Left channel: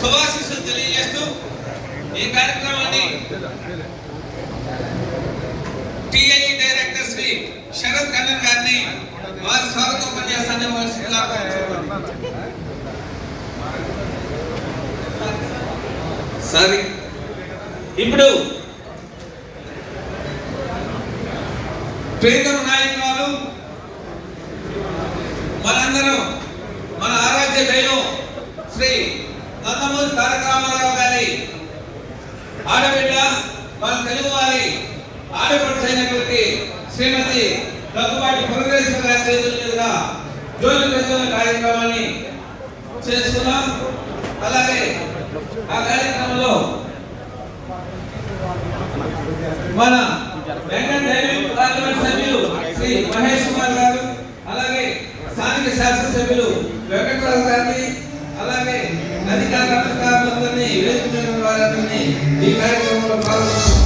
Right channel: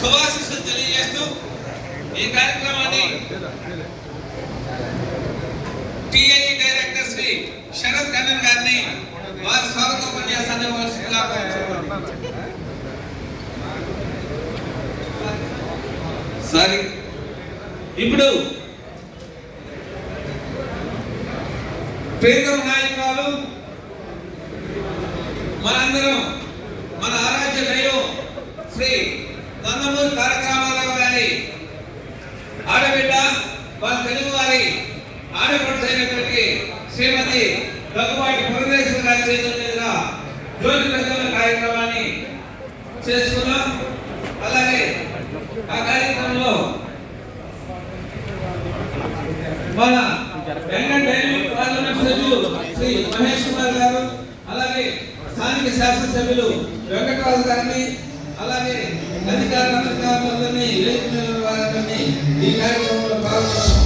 శుభాశీస్సులు తెలియజేస్తూ ఈ కార్యక్రమాన్ని టిఐఈ డైరెక్టర్ శ్రీ శరత్ కన్నన్ గారిని వారి స్వాగత ఉపన్యాసాన్ని సరే ఇప్పుడు ప్రియతమ నాయకులు మనందరం మన ఆరాధ్య దైవం శ్రీ నందమూరి తారక రామారావు గారి ఆడబిడ్డ మన తెలుగు వారి ఆడపడుచు అయినటువంటి శ్రీమతి దగ్గుబాటి పురంధేశ్వరి గారి చేతుల మీదుగా జ్యోతి ప్రజ్వలన కార్యక్రమాన్ని చేసుకున్నాం. అలాగే ఆ కార్యక్రమంలో మన బెంగళూరు డైరీ పార్లమెంట్ సభ్యులు శ్రీ మహేష్ కుమార్ గారు, అలాగే స్థానిక శాసనసభ్యులు వెంకటరాజు గారిని, అలాగే అధికారులందరినీ వేదిక వారిని ఈ కార్యక్రమంలో పాల్గొన్నారు.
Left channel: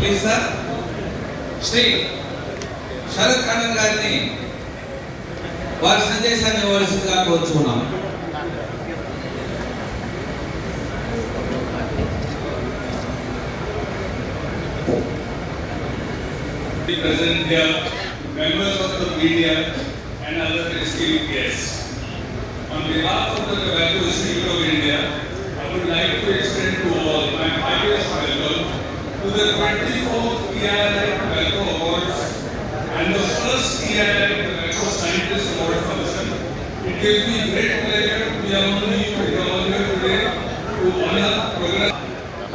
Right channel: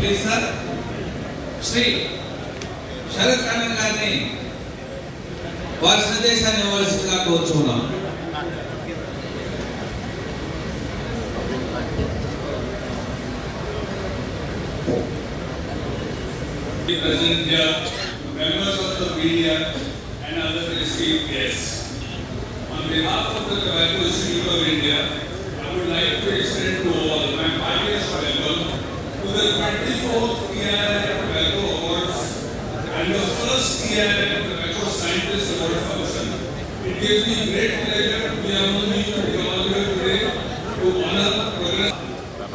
ప్లీజ్ సార్ శ్రీ శరత్ కన్నన్ గారిని వారి సందేశాన్ని ఇవ్వవలసిందిగా కోరుతున్నాం. Present here, members of the media and other esteemed guests. On behalf of the Tobacco Institute of India, I would like to extend to all my heartiest welcome to the 24th TIRL Tobacco Awards and the first TIRL Tobacco Scientist Award function. It gives me great pleasure to be among you here today to honor progress.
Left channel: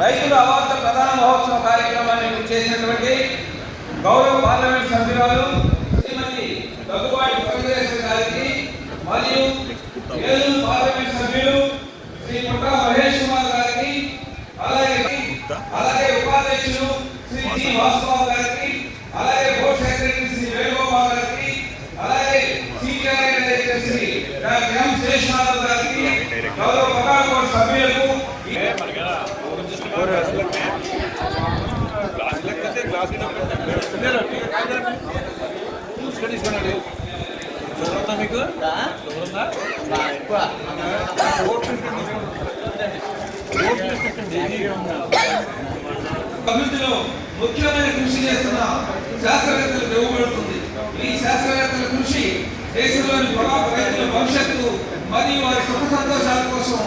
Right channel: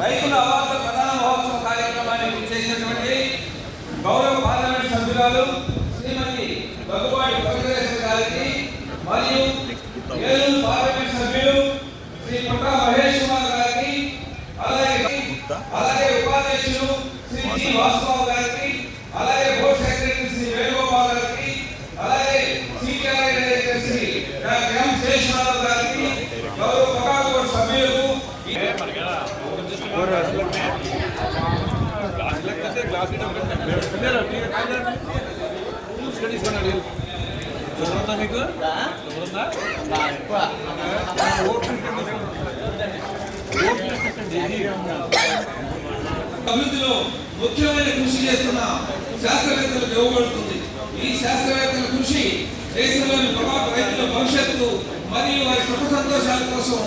రైతుల award ప్రధాన మహోత్సవ కార్యక్రమాన్ని చేసినటువంటి గౌరవ parliament సభ్యురాలు శ్రీమతి దగ్గుబాటి పురంధేశ్వరి గారికి మరియు Eluru parliament సభ్యులు శ్రీ పుట్ట మహేష్ కుమార్ గారికి, అలాగే ఉపాధ్యక్షులు శ్రీ జి వాసుబాబు గారికి, అలాగే బోర్డు సెక్రటరీ శ్రీ వేణుగోపాల్ గారికి, అలాగే కార్యదర్శి గ్రామ శేషనాథ్ గారికి, గౌరవ పగాల సభ్యులకు అభివృద్ధిలో ముఖ్యమైన కృషి చేస్తున్న శాస్త్రవేత్తలకు ఇవ్వబడుతుంది. ఈ శాస్త్రవేత్తల కృషి దేశంలోని రైతుల భవిష్యత్తు మరియు వారి సుఖ సంతోషాల కోసం